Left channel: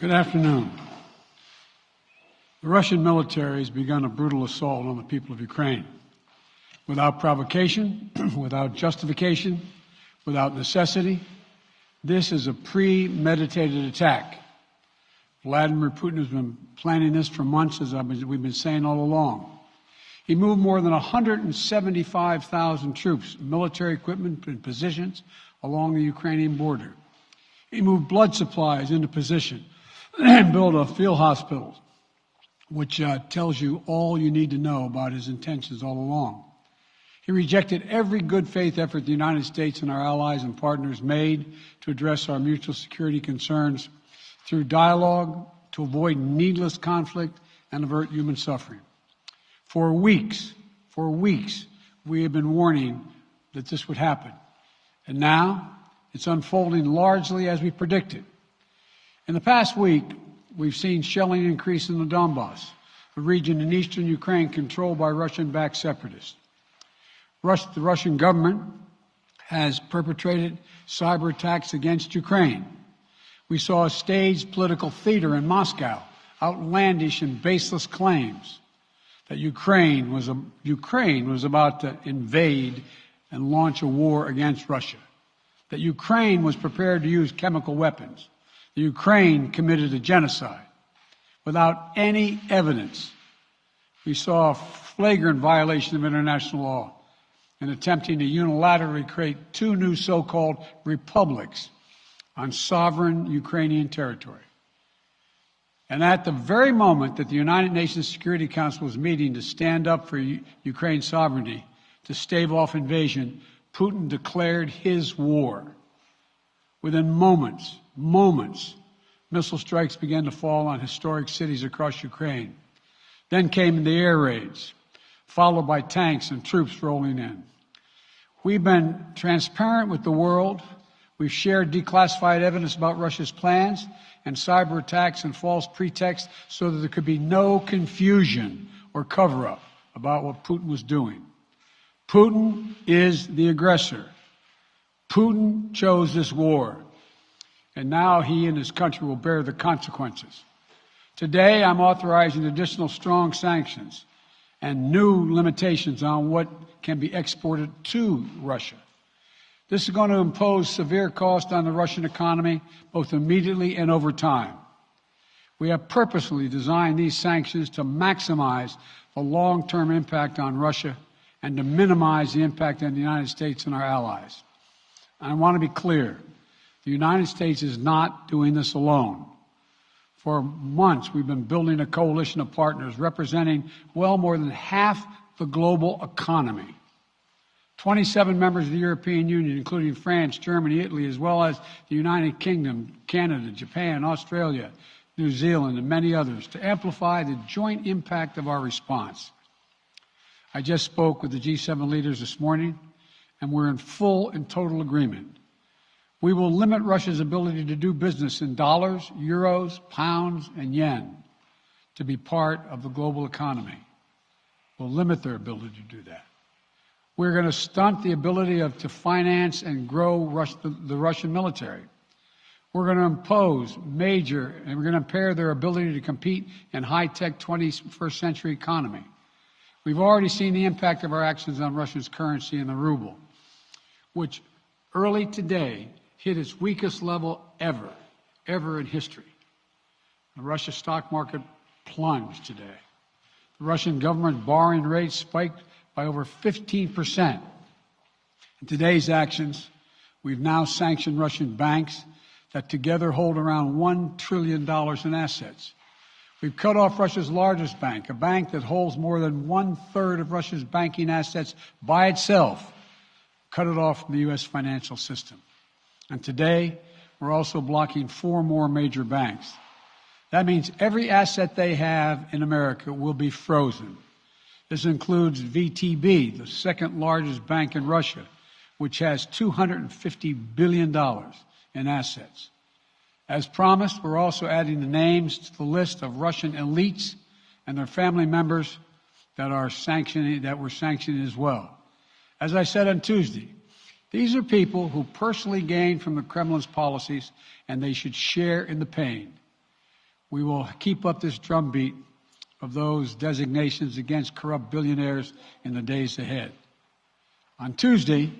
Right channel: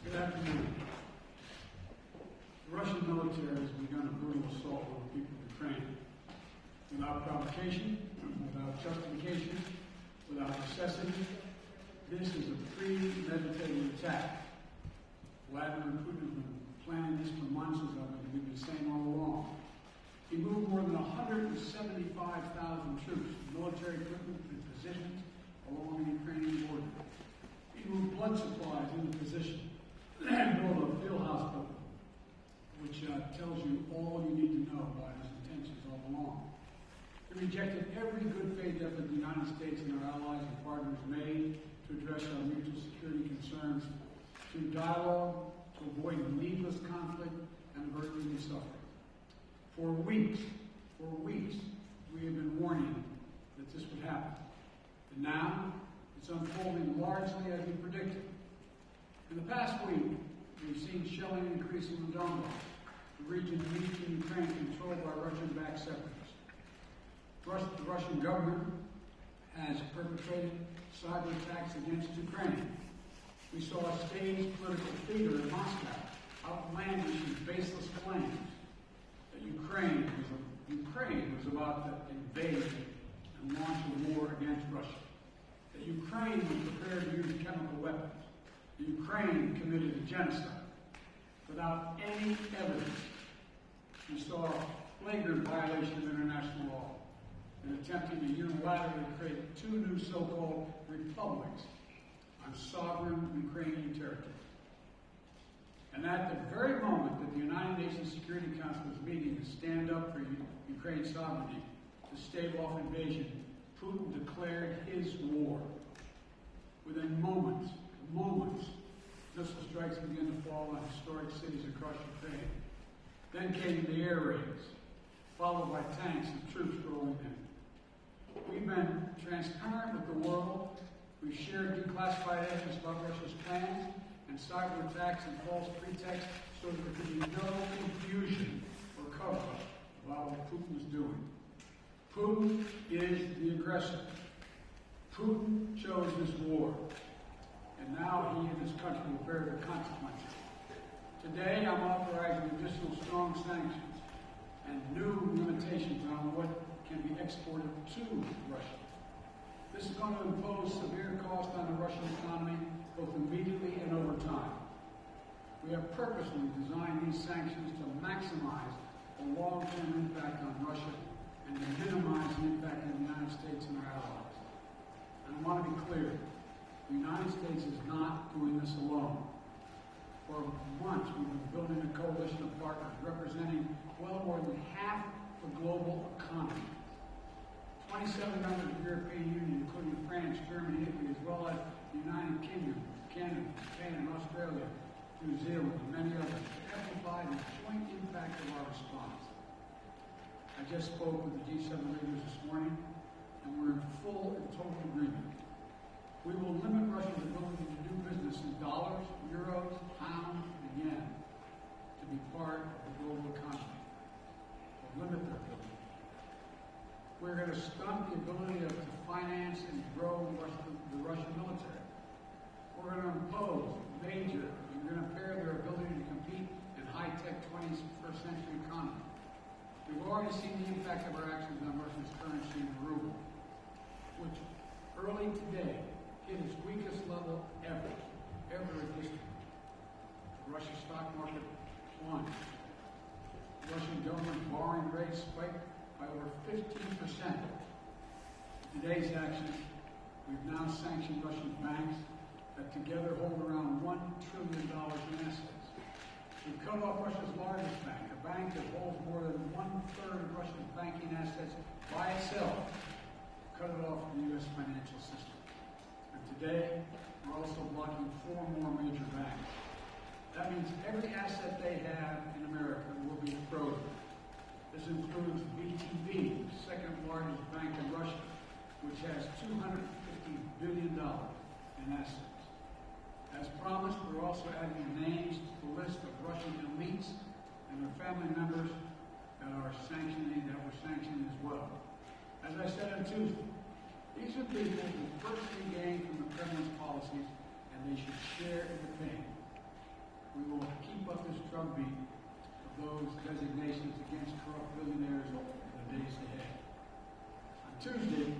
Good afternoon. The Russian military has begun a brutal assault on the people of Ukraine. Without provocation, without justification, without necessity, this is a premeditated attack. Vladimir Putin has been planning this for months, as we've been saying all along. He moved more than 175,000 troops, military equipment, and positions along the Ukrainian border. He moved blood supplies into position and built a field hospital, which tells you all you need to know about his intentions all along. He rejected every good faith effort the United States and our allies and partners made to address our mutual security concerns through dialogue to avoid needless conflict and avert human suffering. For weeks, we have been warning that this would happen. And now it's unfolding largely as we predicted. In the past week, we've seen shelling increase in the Donbass, a region in eastern Ukraine controlled by Russian-backed separatists. The Russian government has perpetrated cyber attacks against Ukraine. We saw a staged political theater in Moscow, outlandish and baseless claims that Ukraine was about to invade and launch a war against Russia, that Ukraine was prepared to use chemical weapons, that Ukraine committed a genocide. Without any evidence, we saw a flagrant violation of international law in attempting to unilaterally create two new so-called republics on sovereign Ukrainian territory. And at the very moment that the United Nations Security Council was meeting to stand up for Ukraine's sovereignty, to stave off invasion, Putin declared his war. Within moments, missile strikes began to fall on historic cities across Ukraine. Then came the air raids, followed by tanks and troops rolling in. We've been transparent with the world. We've shared declassified evidence about Russia's plans and cyber attacks and false pretexts so that there could be no confusion or cover-up about what Putin was doing. Putin is the aggressor. Putin chose this war, and now he and his country will bear the consequences. Today, I'm authorizing additional strong sanctions and new limitations on what can be exported to Russia. This is going to impose severe cost on the Russian economy, both immediately and over time. We have purposely designed these sanctions to maximize the long-term impact on Russia and to minimize the impact on the United States and our allies. I want to be clear. The United States is not doing this alone. For months, we've been building a coalition of partners representing well more than half the global economy. 27 members of the European Union, including France, Germany, Italy, as well as the United Kingdom, Canada, Japan, Australia, New Zealand, and many others, to amplify the joint impact of our response. I just spoke with the G7 leaders this morning, and we're in full and total agreement. We will limit Russia's ability to do business in dollars, euros, pounds, and yen to be part of the global economy. We'll limit their ability to do that. We're going to stunt the ability to finance and grow the Russian military. We're going to impose and we're going to impair their ability to compete in high-tech 21st century economy. We've already seen the impact of our actions on Russia's currency and the ruble, which early today hit its weakest level ever in history. The Russia stock market plunged today. The Russian government borrowing rate spiked by over 15%. In today's actions, we've now sanctioned Russian banks that together hold around $1 trillion in assets. We've cut off Russia's largest bank, a bank that holds more than 1/3 of Russia's banking assets by itself, cut it off from the U.S. financial system. And today, we're also blocking 4 more major banks. That means every asset they have in America will be frozen. This includes VTB, the second largest bank in Russia, which has $250 billion in assets. As promised, we're also adding the names to the list of Russian elites and their family members that we're sanctioning as well. As I said on Tuesday, these are people who personally gain from the Kremlin's policies, and they should share in the pain. We will keep up this drumbeat of those designations against corrupt billionaires in the days ahead. On Tuesday,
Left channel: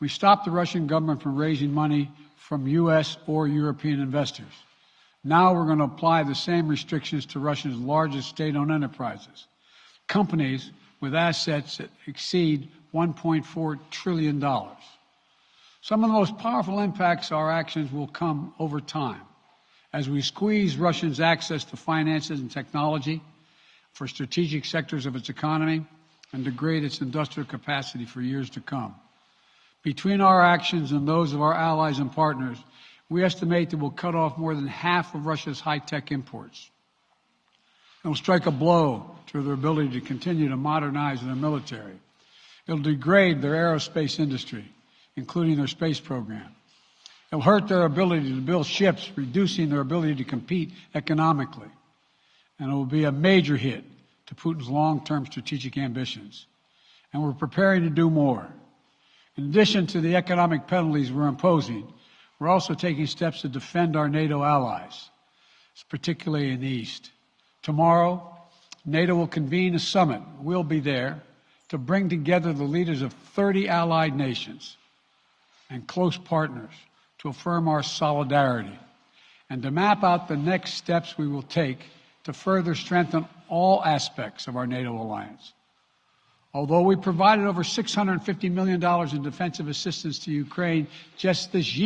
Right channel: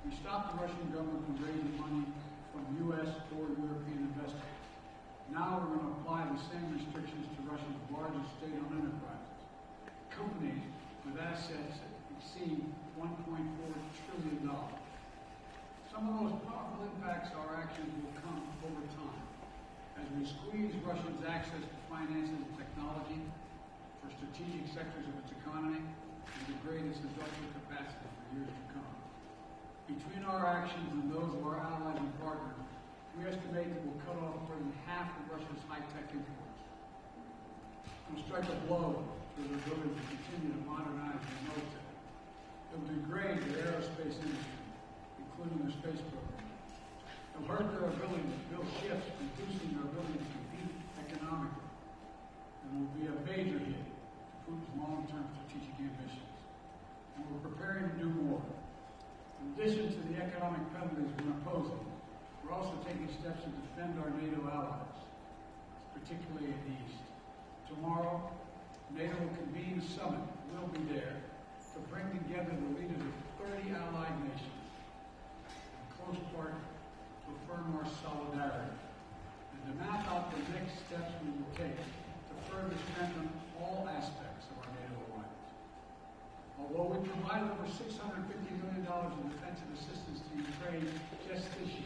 we stopped the Russian government from raising money from U.S. or European investors. Now we're going to apply the same restrictions to Russia's largest state-owned enterprises, companies with assets that exceed $1.4 trillion. Some of the most powerful impacts of our actions will come over time as we squeeze Russia's access to finances and technology for strategic sectors of its economy and degrade its industrial capacity for years to come. Between our actions and those of our allies and partners, we estimate that we'll cut off more than half of Russia's high-tech imports. It will strike a blow to their ability to continue to modernize their military. It will degrade their aerospace industry, including their space program. It will hurt their ability to build ships, reducing their ability to compete economically. And it will be a major hit to Putin's long-term strategic ambitions. And we're preparing to do more. In addition to the economic penalties we're imposing, we're also taking steps to defend our NATO allies, particularly in the East. Tomorrow, NATO will convene a summit. We'll be there to bring together the leaders of 30 allied nations and close partners to affirm our solidarity and to map out the next steps we will take to further strengthen all aspects of our NATO alliance. Although we provided over $650 million in defensive assistance to Ukraine just this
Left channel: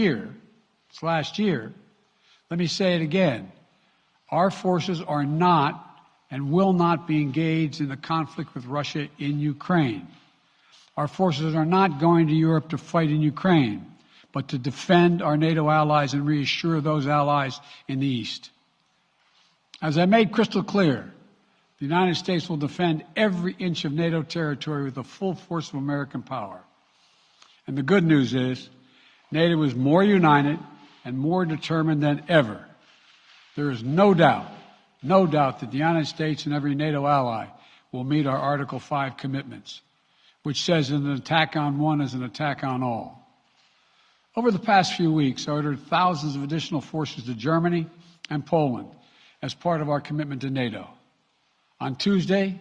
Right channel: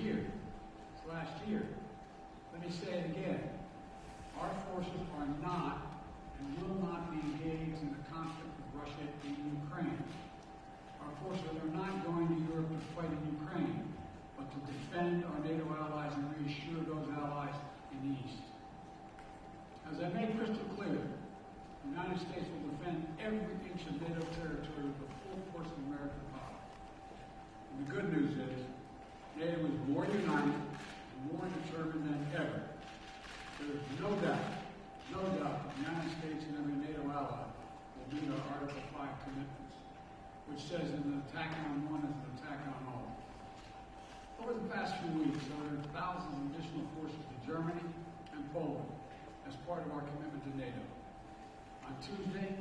last year, let me say it again. Our forces are not and will not be engaged in the conflict with Russia in Ukraine. Our forces are not going to Europe to fight in Ukraine, but to defend our NATO allies and reassure those allies in the East. As I made crystal clear, the United States will defend every inch of NATO territory with the full force of American power. And the good news is, NATO is more united and more determined than ever. There is no doubt that the United States and every NATO ally will meet our Article 5 commitments, which says an attack on one is an attack on all. Over the past few weeks, I ordered thousands of additional forces to Germany and Poland as part of our commitment to NATO. On Tuesday,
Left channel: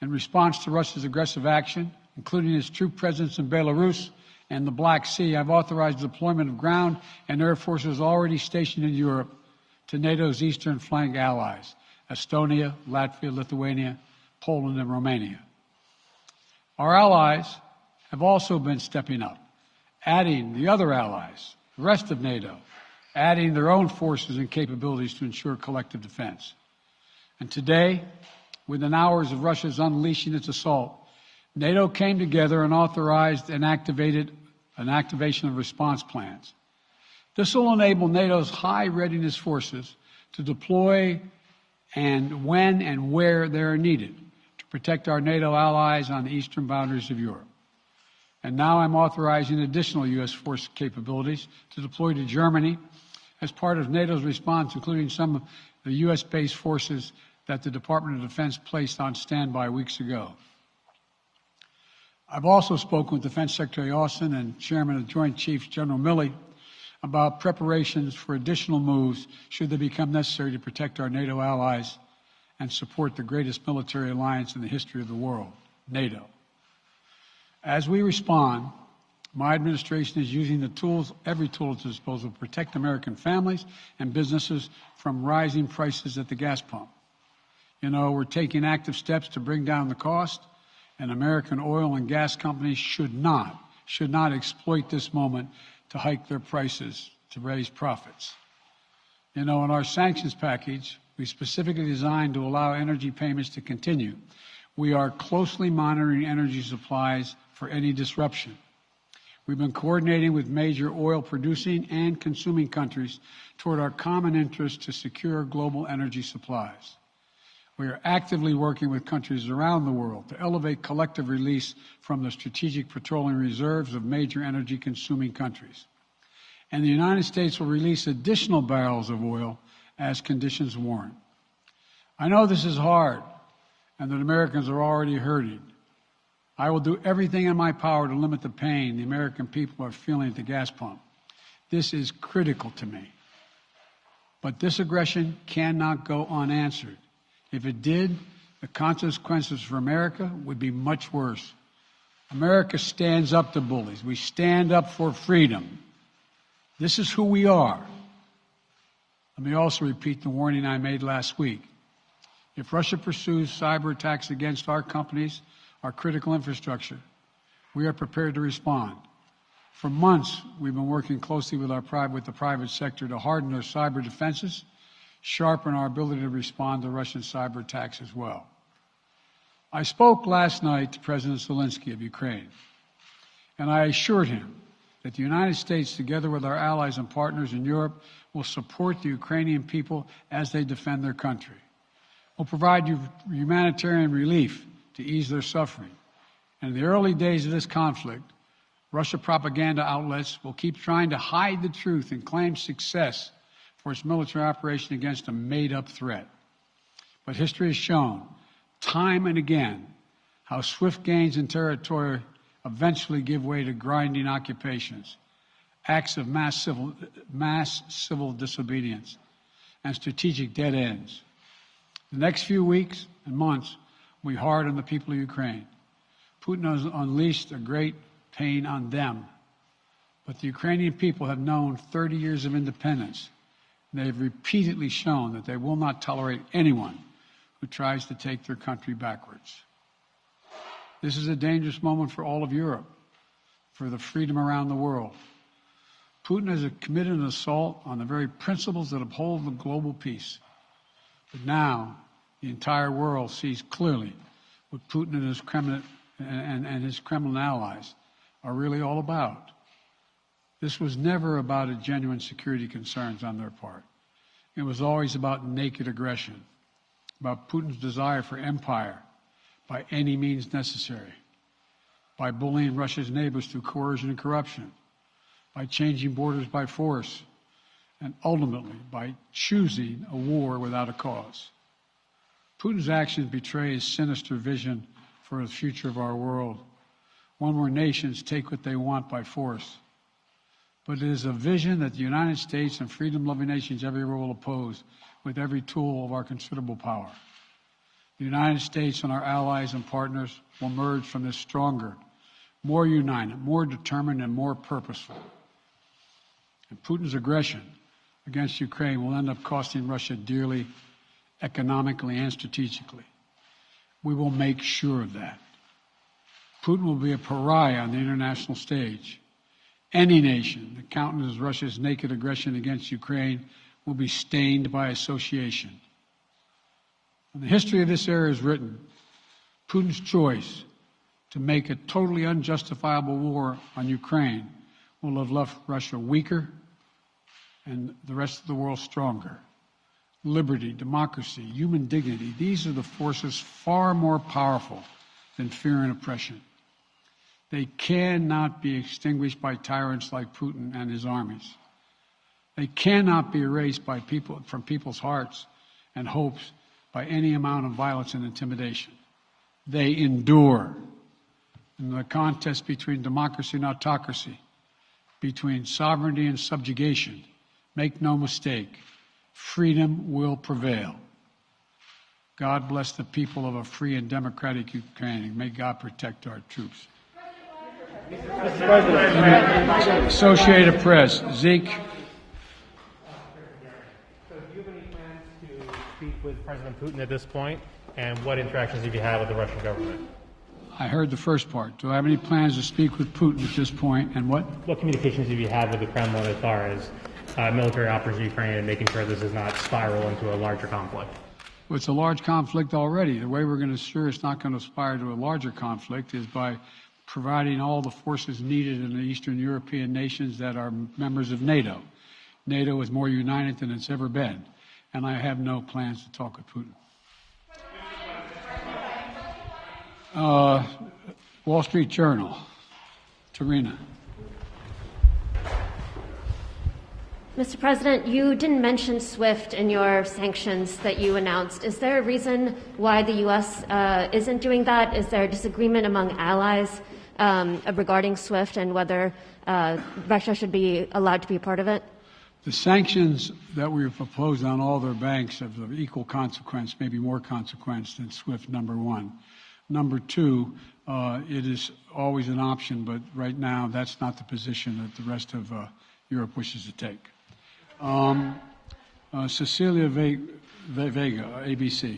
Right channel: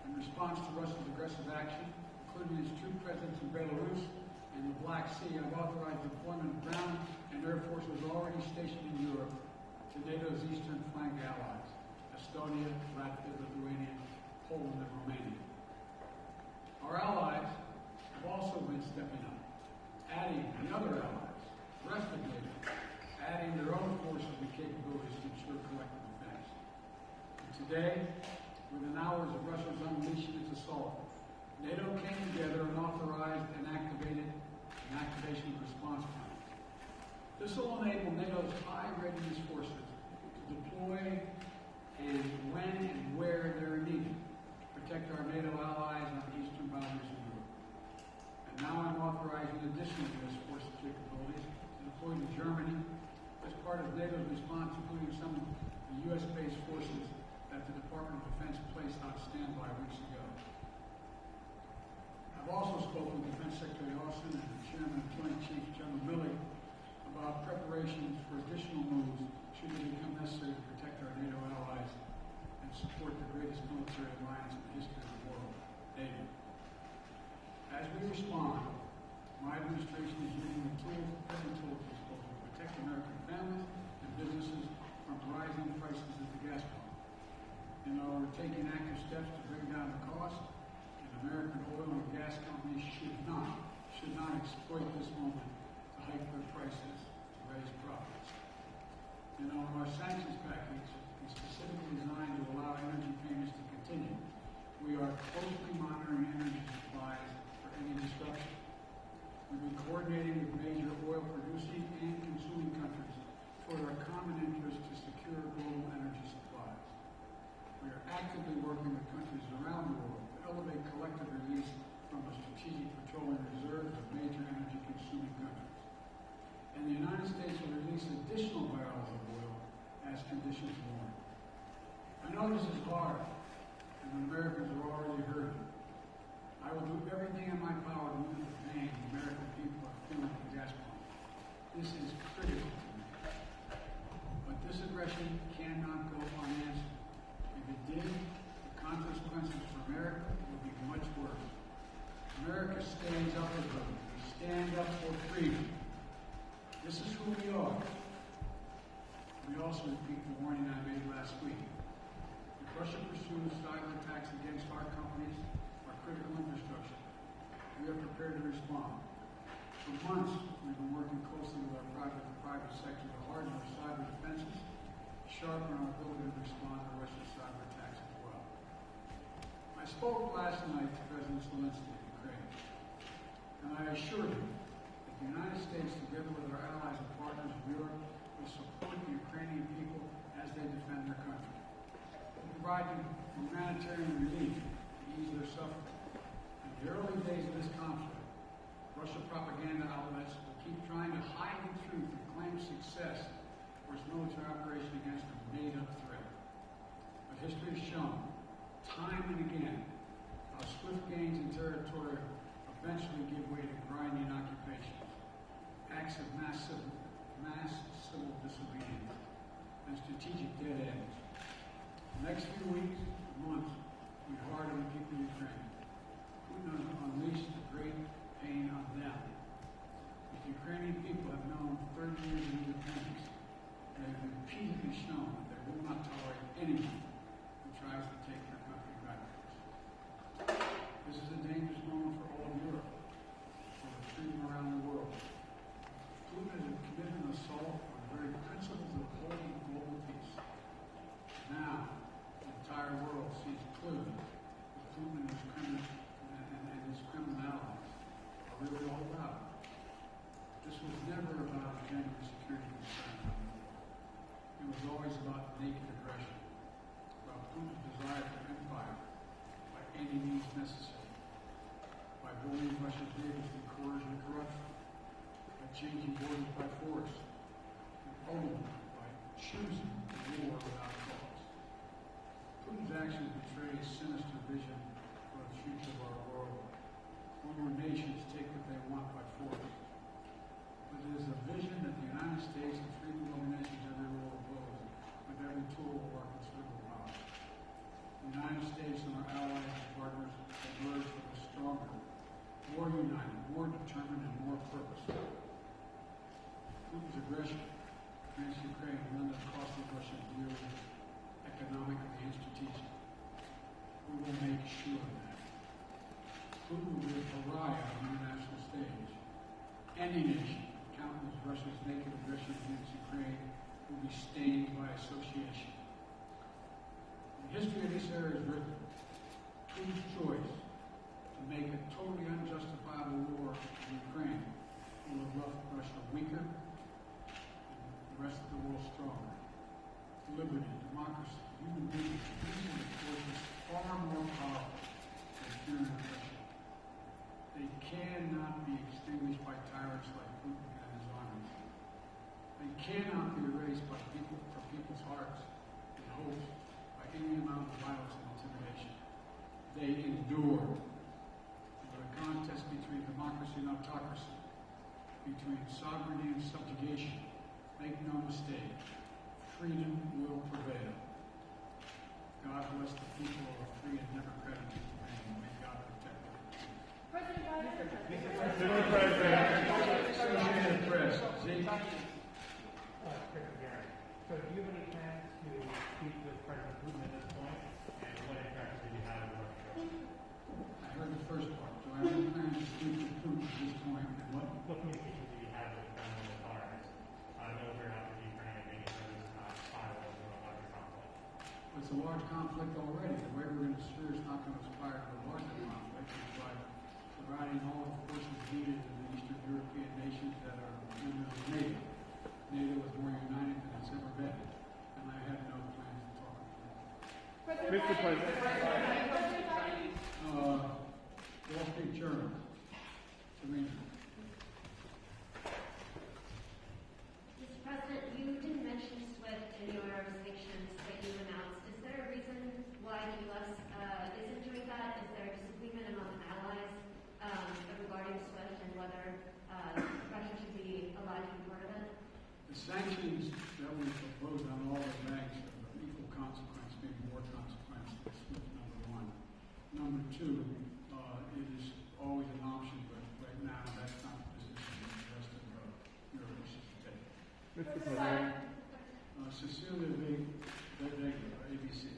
in response to Russia's aggressive action, including its troop presence in Belarus and the Black Sea, I've authorized the deployment of ground and air forces already stationed in Europe to NATO's eastern flank allies, Estonia, Latvia, Lithuania, Poland, and Romania. Our allies have also been stepping up, adding the other allies, the rest of NATO, adding their own forces and capabilities to ensure collective defense. And today, within hours of Russia's unleashing its assault, NATO came together and authorized an activation of response plans. This will enable NATO's high readiness forces to deploy and when and where they are needed to protect our NATO allies on the eastern boundaries of Europe. And now I'm authorizing additional U.S. force capabilities to deploy to Germany as part of NATO's response, including some of the U.S.-based forces that the Department of Defense placed on standby weeks ago. I've also spoken with Defense Secretary Austin and Chairman of the Joint Chiefs, General Milley, about preparations for additional moves should they become necessary to protect our NATO allies and support the greatest military alliance in the history of the world, NATO. As we respond, my administration is using the tools, every tool at its disposal to protect American families and businesses from rising prices at the gas pump. You know, we're taking active steps to bring down the cost, and American oil and gas companies should not exploit this moment to hike their prices to raise profits. You know, in our sanctions package, we specifically designed to allow energy payments to continue. We are closely monitoring energy supplies for any disruption. We've been coordinating with major oil producing and consuming countries toward our common interest to secure global energy supplies. We are actively working with countries around the world to elevate collective release from the strategic petroleum reserves of major energy consuming countries. And the United States will release additional barrels of oil as conditions warrant. I know this is hard and that Americans are already hurting. I will do everything in my power to limit the pain the American people are feeling at the gas pump. This is critical to me. But this aggression cannot go unanswered. If it did, the consequences for America would be much worse. America stands up to bullies. We stand up for freedom. This is who we are. Let me also repeat the warning I made last week. If Russia pursues cyber attacks against our companies, our critical infrastructure, we are prepared to respond. For months, we've been working closely with the private sector to harden our cyber defenses, sharpen our ability to respond to Russian cyber attacks as well. I spoke last night to President Zelensky of Ukraine, and I assured him that the United States, together with our allies and partners in Europe, will support the Ukrainian people as they defend their country. We'll provide humanitarian relief to ease their suffering. And in the early days of this conflict, Russia propaganda outlets will keep trying to hide the truth and claim success for its military operation against a made-up threat. But history has shown, time and again, how swift gains in territory eventually give way to grinding occupations, acts of mass civil disobedience, and strategic dead ends. The next few weeks and months will be hard on the people of Ukraine. Putin has unleashed a great pain on them, but the Ukrainian people have known 30 years of independence. They have repeatedly shown that they will not tolerate anyone who tries to take their country backwards. This is a dangerous moment for all of Europe, for the freedom around the world. Putin has committed an assault on the very principles that uphold the global peace. But now, the entire world sees clearly what Putin and his Kremlin allies are really all about. This was never about a genuine security concerns on their part. It was always about naked aggression, about Putin's desire for empire by any means necessary, by bullying Russia's neighbors through coercion and corruption, by changing borders by force, and ultimately by choosing a war without a cause. Putin's actions betray his sinister vision for the future of our world, one where nations take what they want by force. But it is a vision that the United States and freedom-loving nations everywhere will oppose with every tool of our considerable power. The United States and our allies and partners will emerge from this stronger, more united, more determined, and more purposeful. And Putin's aggression against Ukraine will end up costing Russia dearly, economically and strategically. We will make sure of that. Putin will be a pariah on the international stage. Any nation that countenances Russia's naked aggression against Ukraine will be stained by association. When the history of this era is written, Putin's choice to make a totally unjustifiable war on Ukraine will have left Russia weaker and the rest of the world stronger. Liberty, democracy, human dignity, these are the forces far more powerful than fear and oppression. They cannot be extinguished by tyrants like Putin and his armies. They cannot be erased from people's hearts and hopes by any amount of violence and intimidation. They endure. In the contest between democracy and autocracy, between sovereignty and subjugation, make no mistake, freedom will prevail. God bless the people of a free and democratic Ukraine. May God protect our troops. Mr. President. Associated Press, Zeke. Do you have any plans to speak with President Putin at this point? And what interactions have you had with the Russian government? I heard the first part. Do I have any plans to speak with Putin at this point, and what? What communications have you had with the Kremlin as far as military operations in Ukraine and making sure this does not spiral into a larger conflict? Well, it's a large conflict already. The way we're going to ensure it's not going to aspire to a larger conflict is by providing all the forces needed in the Eastern European nations that are members of NATO. NATO is more united than it's ever been, and I have no plans to talk with Putin. Mr. President. Wall Street Journal, Tarina. Mr. President, you didn't mention SWIFT in your sanctions that you announced. Is there a reason why the U.S. Isn't doing that? Is there a disagreement among allies regarding SWIFT and whether Russia should be allowed to be a part of it? The sanctions that we proposed on all their banks have of equal consequence, maybe more consequence than SWIFT, number one. Number two, it is always an option, but right now that's not the position that the rest of Europe wishes to take. Cecilia Vega, ABC.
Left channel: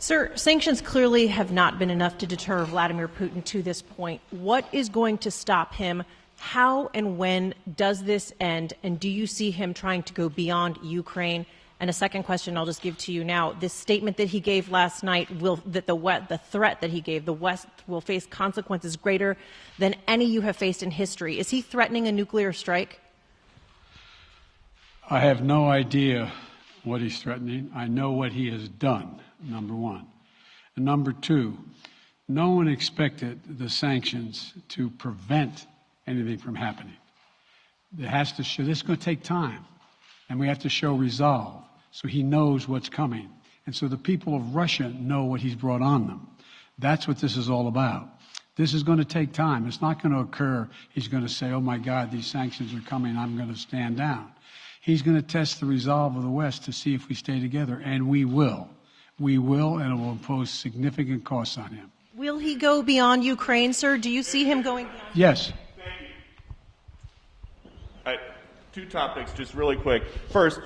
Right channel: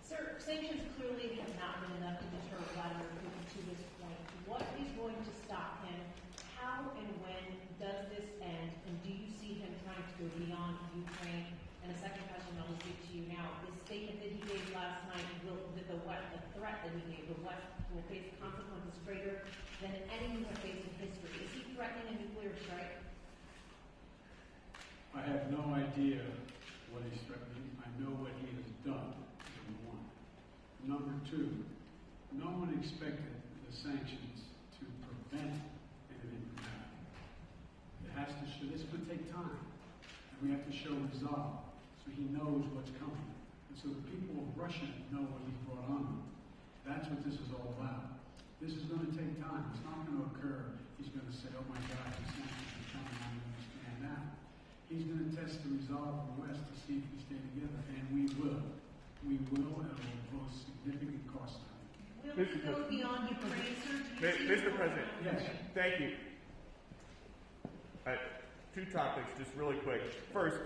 Sir, sanctions clearly have not been enough to deter Vladimir Putin to this point. What is going to stop him? How and when does this end? And do you see him trying to go beyond Ukraine? And a second question I'll just give to you now. This statement that he gave last night, the threat that he gave, the West will face consequences greater than any you have faced in history. Is he threatening a nuclear strike? I have no idea what he's threatening. I know what he has done, number one. And number two, no one expected the sanctions to prevent anything from happening. It has to show, this is going to take time, and we have to show resolve so he knows what's coming. And so the people of Russia know what he's brought on them. That's what this is all about. This is going to take time. It's not going to occur, he's going to say, oh my God, these sanctions are coming, I'm going to stand down. He's going to test the resolve of the West to see if we stay together, and we will. We will, and it will impose significant costs on him. Will he go beyond Ukraine, sir? Do you see him going? Yes. Thank you. Two topics, just really quick. First,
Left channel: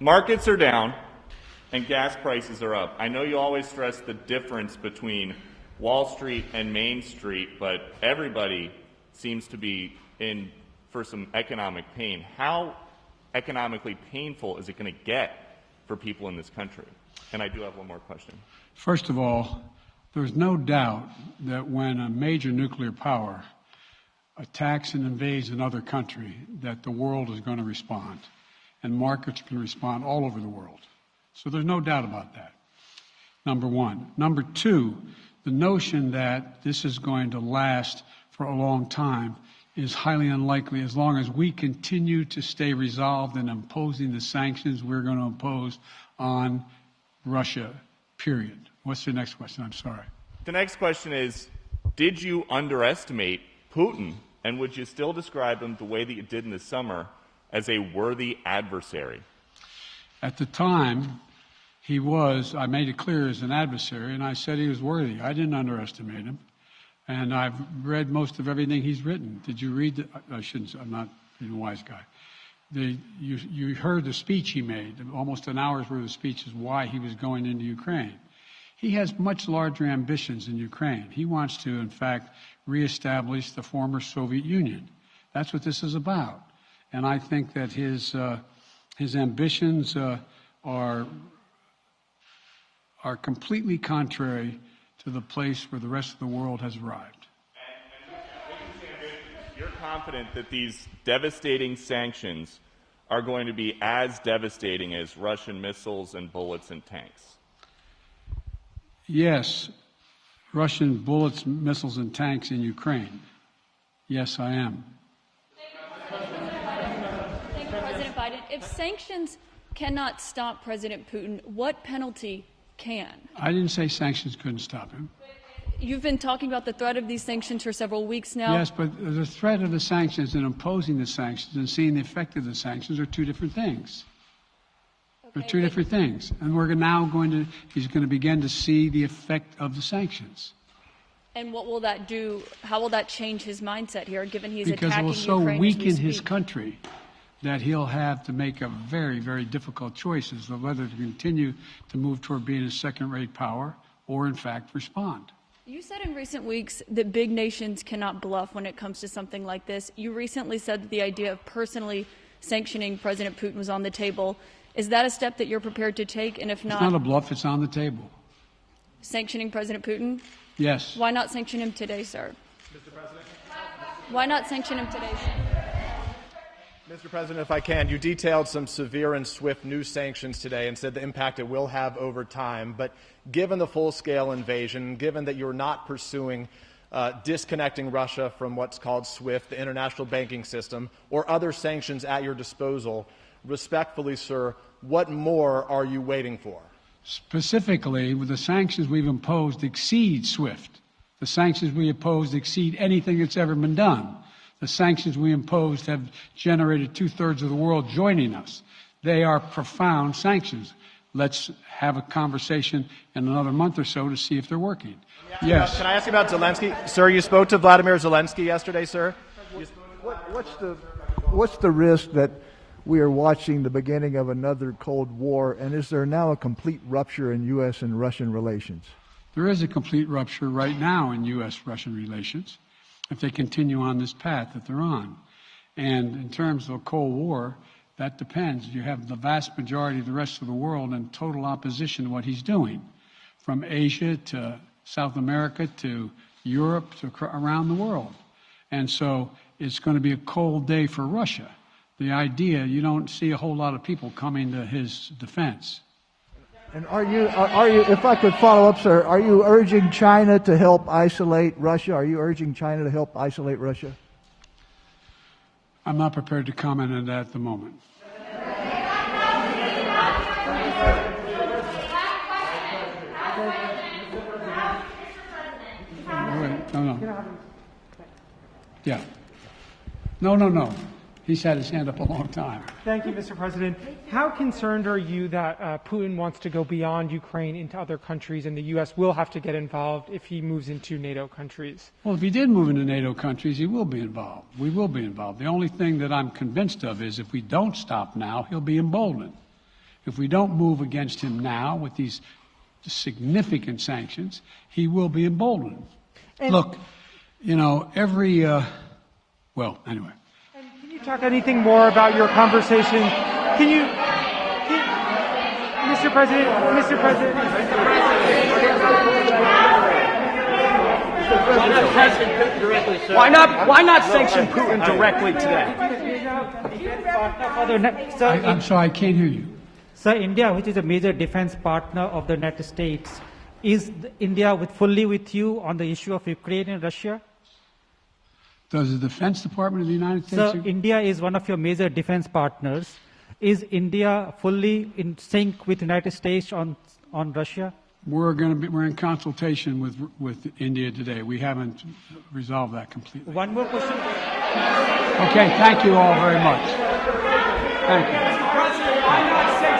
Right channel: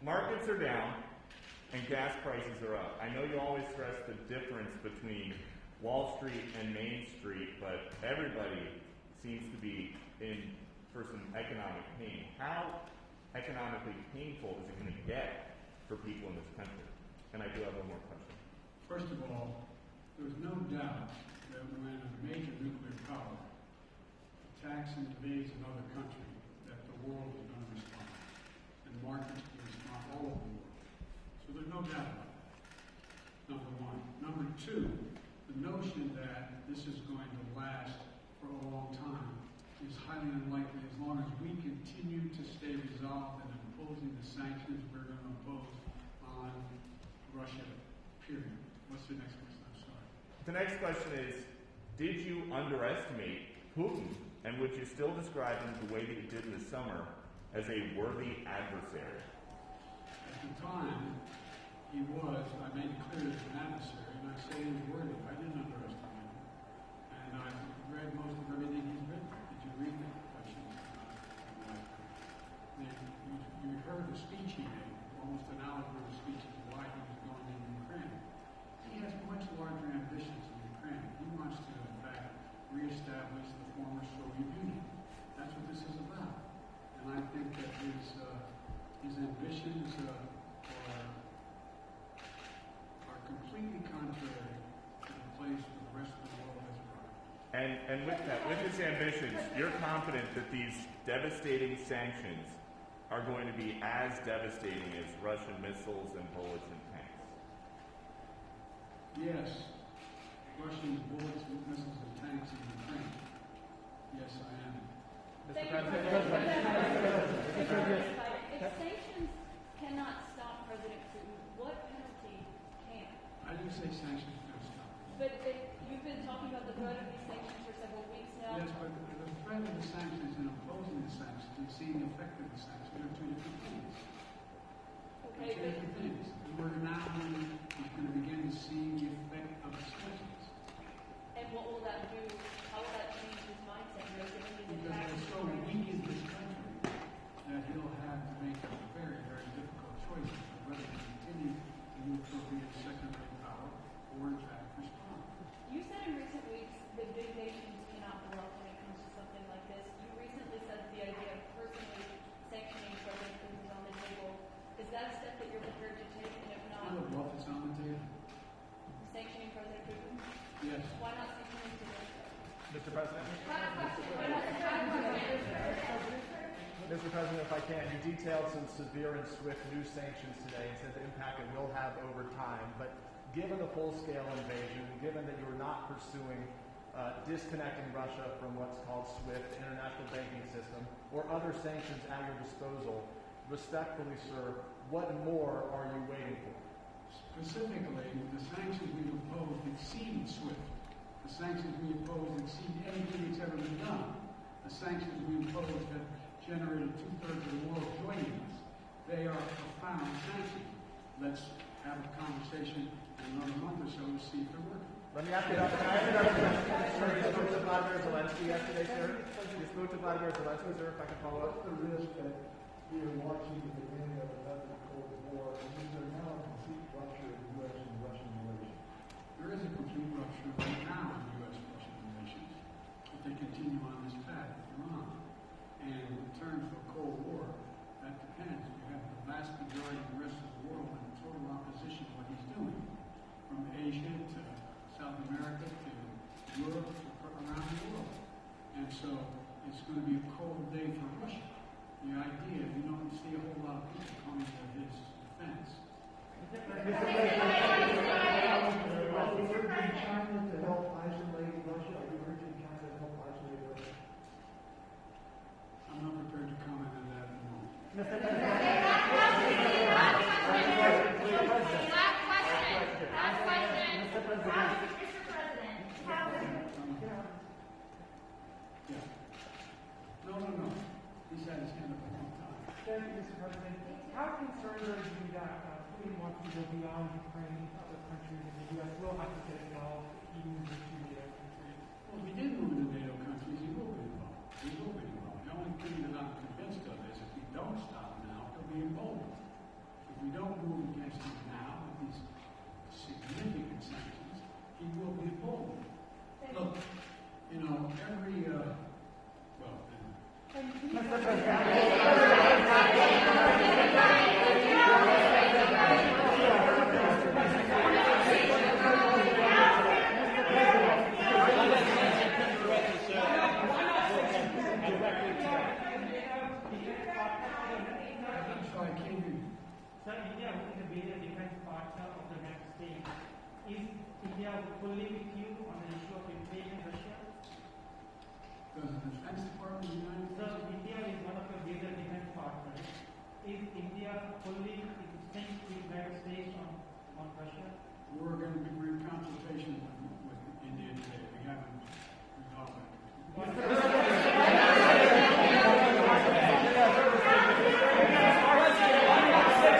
markets are down and gas prices are up. I know you always stress the difference between Wall Street and Main Street, but everybody seems to be in for some economic pain. How economically painful is it going to get for people in this country? And I do have one more question. First of all, there's no doubt that when a major nuclear power attacks and invades another country, that the world is going to respond, and markets can respond all over the world. So there's no doubt about that, number one. Number two, the notion that this is going to last for a long time is highly unlikely as long as we continue to stay resolved in imposing the sanctions we're going to impose on Russia, period. What's your next question? I'm sorry. The next question is, did you underestimate Putin, and would you still describe him the way that you did in the summer as a worthy adversary? At the time, he was, I made it clear, as an adversary, and I said he was worthy. I didn't underestimate him. And I've read most of everything he's written. Did you read the, I shouldn't, I'm not a wise guy. You heard the speech he made, almost an hour's worth of speeches, why he was going into Ukraine. He has much larger ambitions in Ukraine. He wants to, in fact, reestablish the former Soviet Union. That's what this is about. And I think that his ambitions are completely contrary to the place where the rest of the world has arrived. And with his ambitions, you're confident that these devastating sanctions are going to be as devastating as Russian missiles and bullets and tanks? Yes, Russian bullets, missiles, and tanks in Ukraine. Yes, I am. Thank you, President Biden. If sanctions cannot stop President Putin, what penalty can? I didn't say sanctions couldn't stop him. You've been talking about the threat of these sanctions for several weeks now. Yes, but the threat of the sanctions and imposing the sanctions and seeing the effect of the sanctions are two different things. They're two different things. And we're now he's going to begin to see the effect of the sanctions. And what will that do? How will that change his mindset here, given he's because attacking it will so Ukraine weaken his country that he'll have to make a very, very difficult choice as to whether to continue to move toward being a second-rate power or, in fact, respond. You said in recent weeks that big nations cannot bluff when it comes to something like this. You recently said that the idea of personally sanctioning President Putin was on the table. Is that a step that you're prepared to take? And if not, it's not a bluff, it's on the table. Sanctioning President Putin? Yes. Why not sanction him today, sir? Mr. President? Why not sanction him today, sir? Mr. President, if I can, you detailed some severe and swift new sanctions today and said the impact it will have over time. But given the full-scale invasion, given that you're not pursuing disconnecting Russia from what's called SWIFT, the international banking system, or other sanctions at your disposal, respectfully, sir, what more are you waiting for? Specifically, with the sanctions we've imposed exceed SWIFT. The sanctions we imposed exceed anything that's ever been done. The sanctions we imposed have generated 2/3 of the world joining us. They are profound sanctions. Let's have a conversation in another month or so to see if they're working. Yes. Can I ask you about Zelensky? Sir, you spoke to Vladimir Zelensky yesterday, sir? What's the risk that we are watching the beginning of another Cold War, and is there now a complete rupture in U.S. and Russian relations? There is a complete rupture right now in U.S.-Russian relations if they continue on this path that they're on. And in terms of a Cold War, that depends. You have the vast majority of the rest of the world in total opposition to what he's doing, from Asia to South America to Europe to around the world. And so it's going to be a cold day for Russia. The idea, you don't see a whole lot of people coming to his defense. And are you, if I could follow up, sir, are you urging China to help isolate Russia? Are you urging China to help isolate Russia? I'm not prepared to comment on that at the moment. No. Yeah. No. He's had his hand up a long time. Thank you, Mr. President. How concerned are you that Putin wants to go beyond Ukraine into other countries, and the U.S. will have to get involved if he moves into NATO countries? Well, if he did move into NATO countries, he will be involved. We will be involved. The only thing that I'm convinced of is if we don't stop now, he'll be emboldened. If we don't move against him now with these significant sanctions, he will be emboldened. Look, you know, well, anyway. Can you talk anything more about your conversation? Mr. President. Why not sanction Putin directly today? I'm sorry, I can't hear you. Sir, India, which is a major defense partner of the United States, is India fully with you on the issue of Ukraine and Russia? Does the Defense Department of the United States... Sir, India is one of your major defense partners. Is India fully in sync with the United States on Russia? We're in consultation with India today. We haven't resolved that completely. One more question. Okay, thank you all very much. Thank you.